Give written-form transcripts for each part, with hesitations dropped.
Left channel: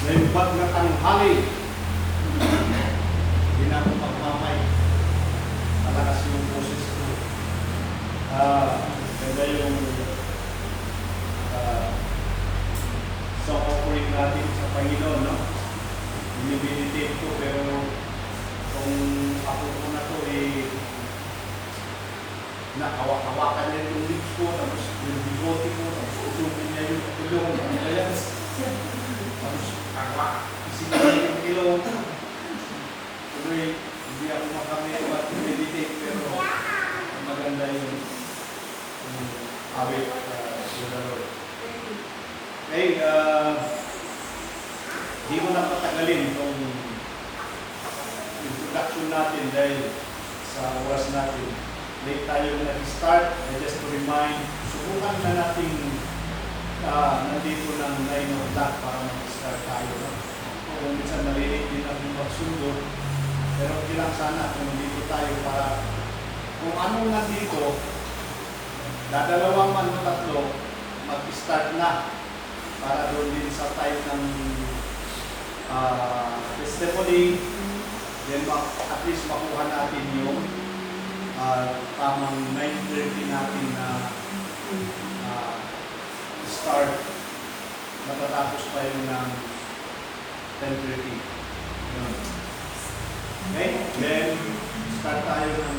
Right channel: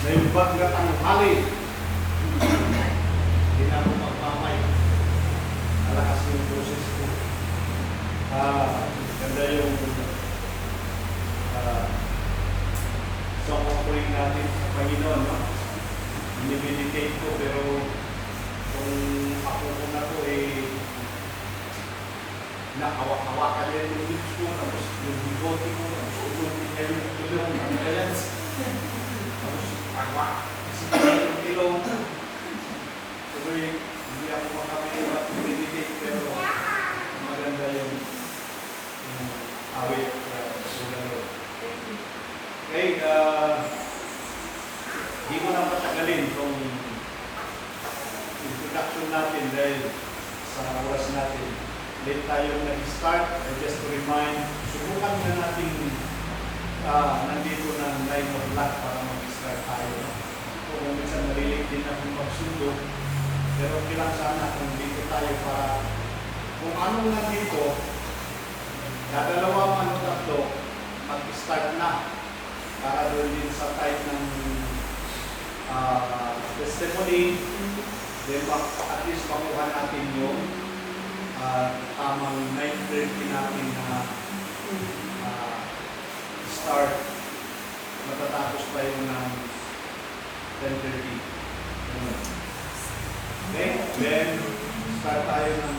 Ngayon ba't na tanghali? Hindi na ako magmamay. Malakas yung boses ko. Ganda yung song offering natin sa Panginoon, no? Binibinitate ko, pero kung ako ko na to, nakawak-hawakan niya yung lips ko, tapos yung bigote ko, tapos ututin niya yung ilong, ano ba yan? Tapos isipin niya yung ilong. Tuloy, hindi ako makamit mag-meditate, pero maganda yung awit sa Lord. Okay, hindi ko na patagalin itong introduction natin dahil sa oras natin. Late tayo nag-start. Just to remind, subukan na natin nandito ng 9 o'clock para mag-start tayo. Kung minsan narinig din natin magsundo, pero kilang sana kung dito tayo para kung anong nandito, dadalawang ano tatlo, mag-start na para doon din sa type ng testimony, then at least makuha natin yung tamang 9:30 natin na start. Matatapos tayo ng 10:30. Okay? Then, start tayo ng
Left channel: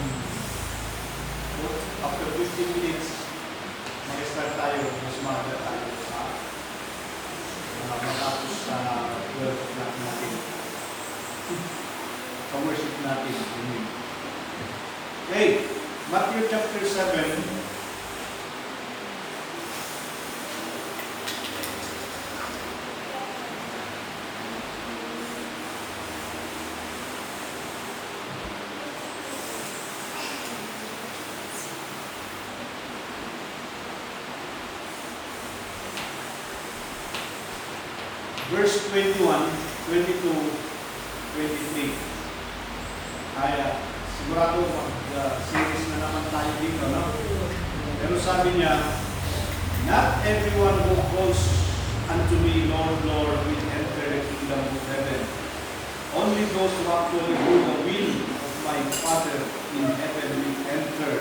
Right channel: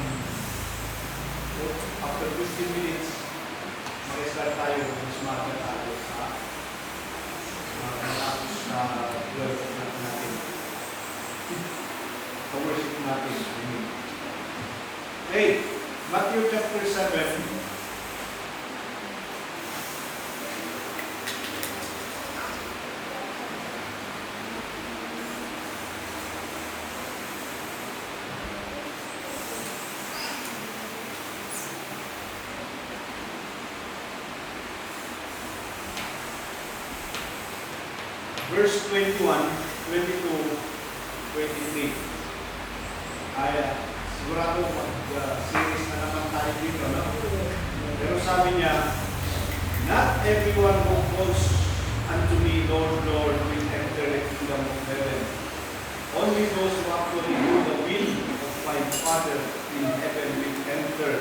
after 15 minutes, mag-start tayo, mas maaga tayo sa matapos sa worship natin. Worship natin. Okay, Matthew chapter 7. Verse 21, 22, 23. Sigurado mag-series na naman tayo dito, no? Pero sabi niya, not everyone who calls unto me, Lord, Lord, will enter the kingdom of heaven. Only those who actually do the will of my Father in heaven will enter.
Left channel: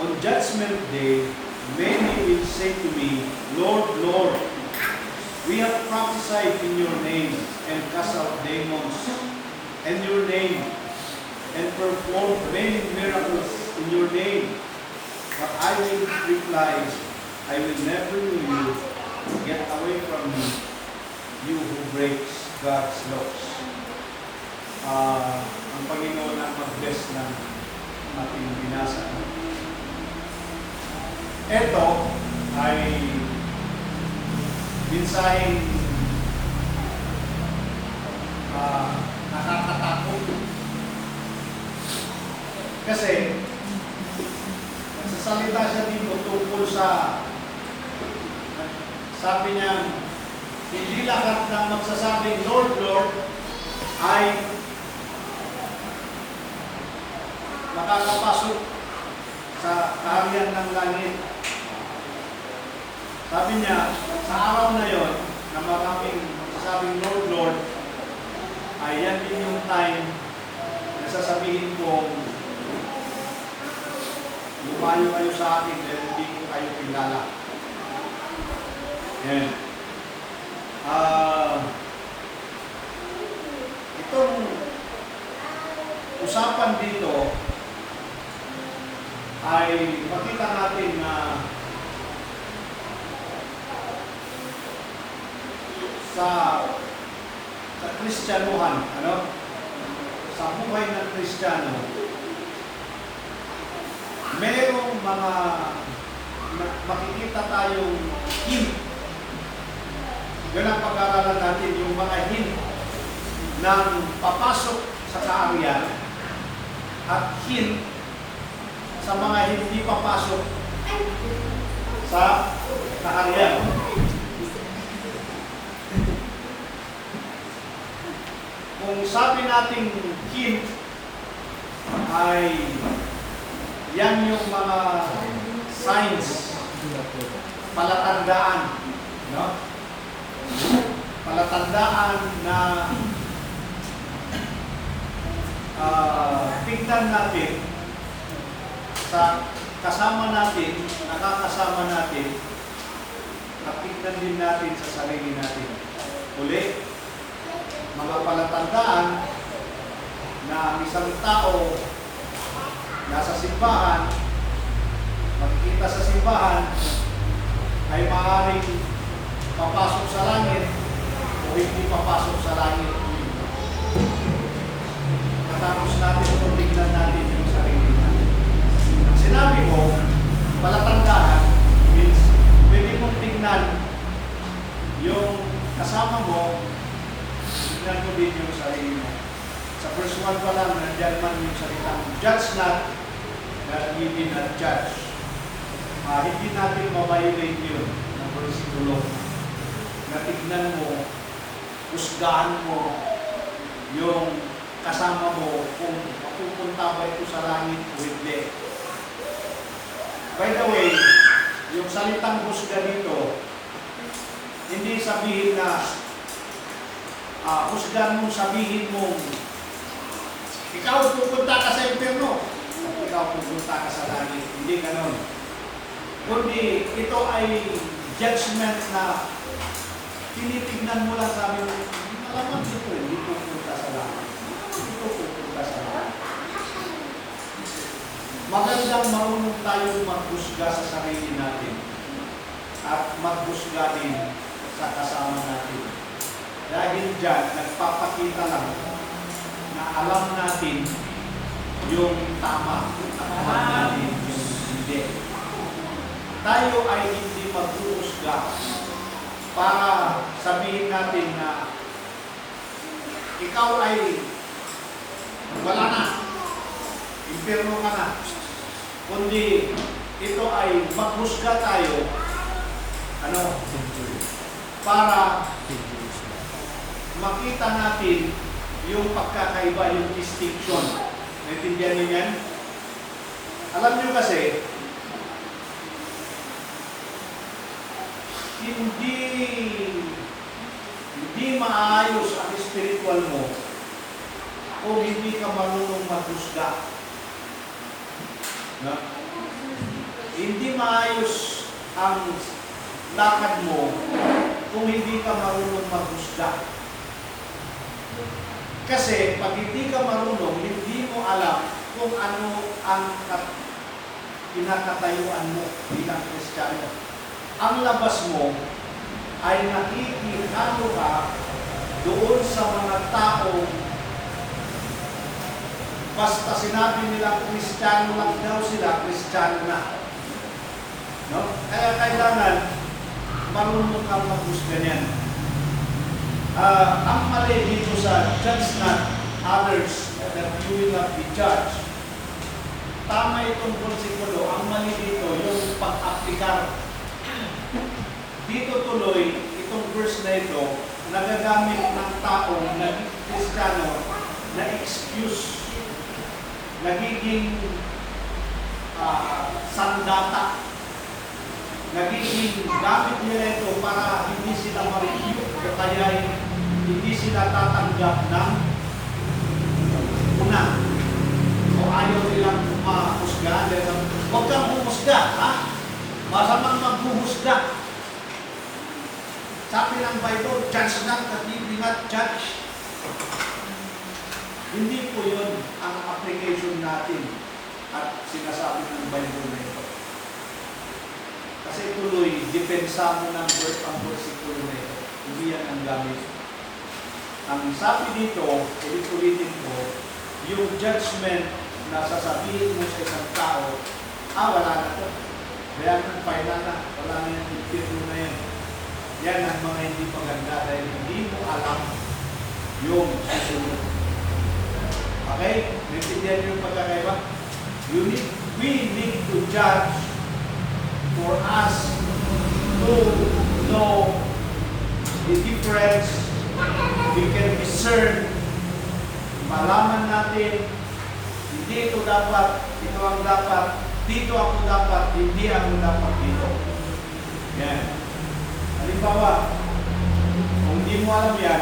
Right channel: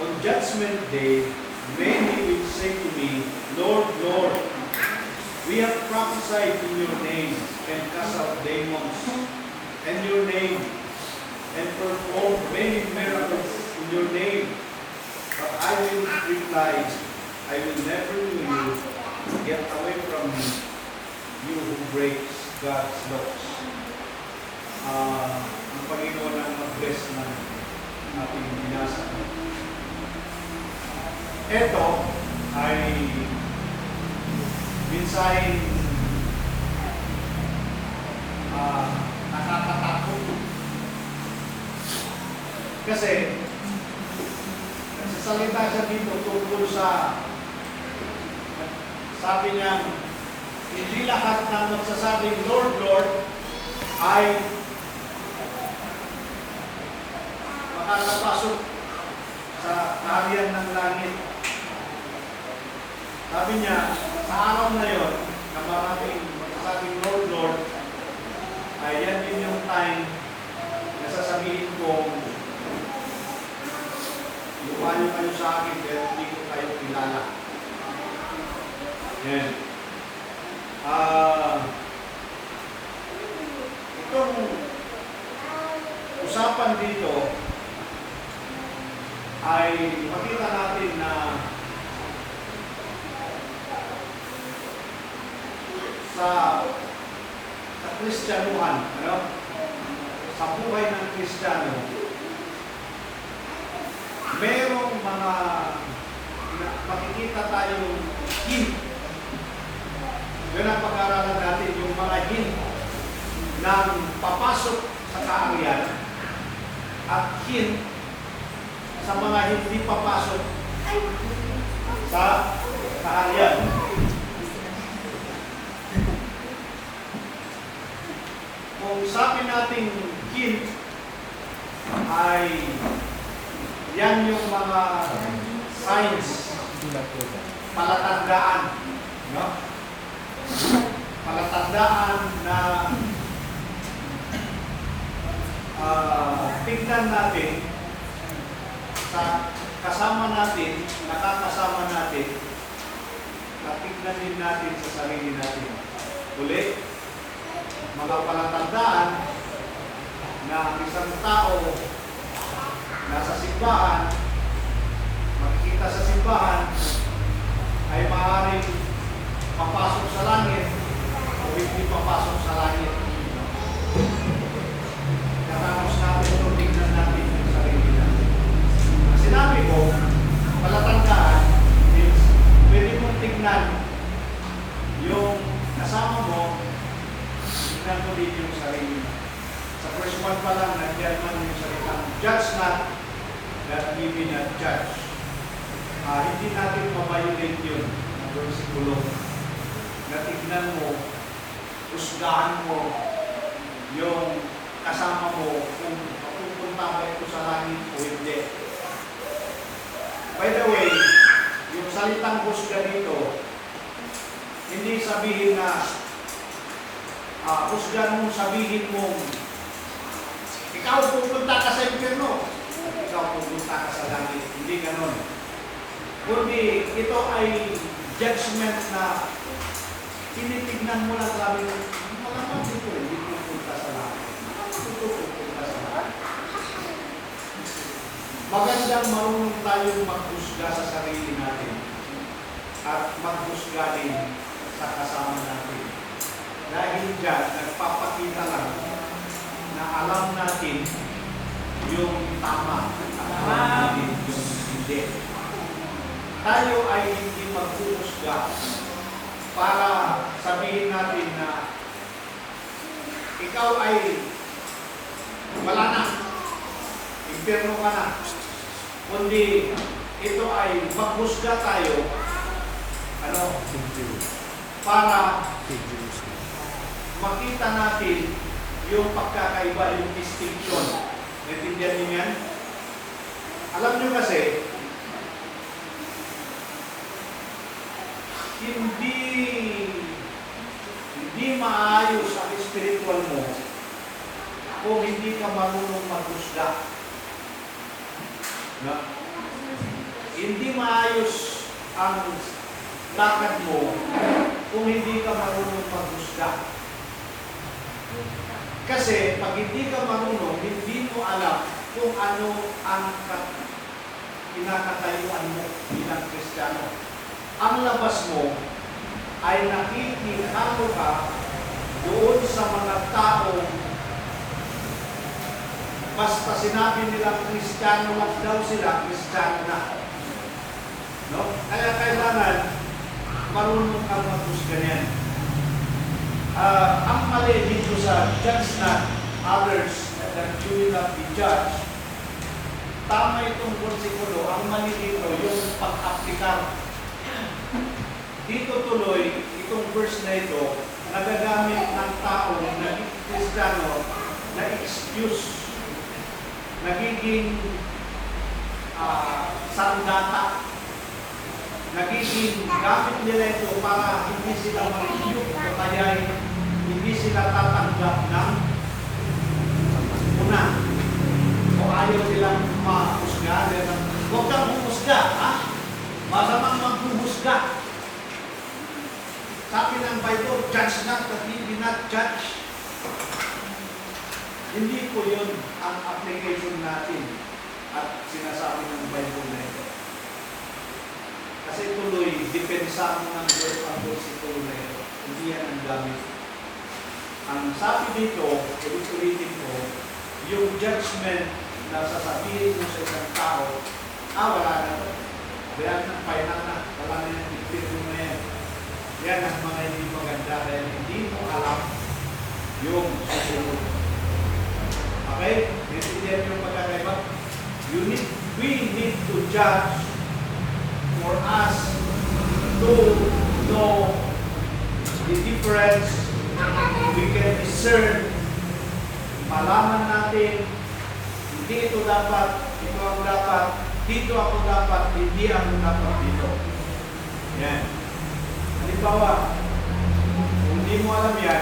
On Judgment Day, many will say to me, Lord, Lord, we have prophesied in your name and cast out demons in your name and performed many miracles in your name. But I will reply, I will never know you. Get away from me, you who breaks God's laws. Ang Panginoon ang mag-bless ng ating binasa. Ito ay minsan nakakatakot. Kasi nagsasalita siya dito tungkol sa, sabi niya, hindi lahat na magsasabing Lord, Lord ay makakapasok sa kaharian ng langit. Sabi niya, sa araw na yon, na maraming magsasabing Lord, Lord, ay yan din yung time na sasabihin kong lumayo kayo sa akin, pero hindi ko kayo kilala. Yan. Itong usapan dito ay makita natin na sa Kristyanuhan, sa buhay ng Kristiyano, merong mga makikita tayong hint. Yun ang pag-aaralan natin, yung mga hint ng papasok sa kaharian at hint sa mga hindi papasok sa kaharian. Kung sabi nating hint ay yan yung mga signs, palatandaan, no? palatandaan na tingnan natin sa kasama natin, nakakasama natin, na tingnan din natin sa sarili natin. Uli, mga palatandaan na ang isang tao nasa simbahan, makikita sa simbahan, ay maaaring papasok sa langit o hindi papasok sa langit. Katapos natin itong tingnan natin yung sarili natin. Ang sinabi ko, palatandaan is pwede mong tingnan yung kasama mo, tingnan ko din yung sarili mo. Sa first one pa lang, nandiyan man yung salitang judge not, that we be not judge. Hindi natin mabiolate yun, mga versikulo. Na tignan mo, husgahan mo yung kasama mo kung pupunta ba ito sa langit o hindi. By the way, yung salitang husga dito, hindi sabihin na husgan mo, sabihin mo ikaw pupunta ka sa impyerno, ikaw pupunta ka sa langit. Hindi ganon. Kundi ito ay judgment na tinitignan mo lang sabi mo, malamang dito, hindi pupunta sa langit. Dito pupunta sa langit. Magandang marunong tayong maghusga sa sarili natin at maghusga din sa kasama natin. Dahil dyan, nagpapakita lang na alam natin yung tama at alam natin yung hindi. Tayo ay hindi maghuhusga para sabihin natin na ikaw ay wala na, impyerno ka na. Kundi ito ay maghusga tayo para makita natin yung pagkakaiba, yung distinction. Naintindihan niyo yan? Alam niyo kasi, hindi maayos ang spiritual mo kung hindi ka marunong maghusga. No? Hindi maayos ang lakad mo kung hindi ka marunong maghusga. Kasi pag hindi ka marunong, hindi mo alam kung ano ang kinakatayuan mo bilang Kristiyano. Ang labas mo ay nakikihalo ka doon sa mga tao basta sinabi nila Kristiyano lang daw sila, Kristiyano na. No? Kaya kailangan marunong ka maghusga niyan. Ang mali dito sa judge not others that you will not be judged. Tama itong konsekulo. Ang mali dito, yung pag-aplikar. Dito tuloy, itong verse na ito, nagagamit ng taong naging Kristiyano na excuse, nagiging sandata, nagiging gamit nila ito para hindi sila ma-rebuke o kaya hindi sila tatanggap ng una o ayaw nilang mahusga. Huwag kang humusga, ha? Masamang maghuhusga. Sabi ng Bible, judge not that ye be not judged. Hindi po yun ang application natin at sinasabi ng Bible na ito. Kasi tuloy, depensa mo ng verse ang versikulo na ito. Hindi yan ang gamit. Ang sabi dito, ulit-ulitin ko, yung judgment na sasabihin mo sa isang tao, wala na to. Kaya ng final na, wala na yung impirno na yan. Yan ang mga hindi maganda dahil hindi mo alam yung susunod. Okay? Naintindihan yung pagkakaiba? We need to judge for us to know the difference. We can discern. Malaman natin, hindi ito dapat, ito ang dapat, dito ako dapat, hindi ako dapat dito. Yan. Halimbawa, kung hindi mo alam yan,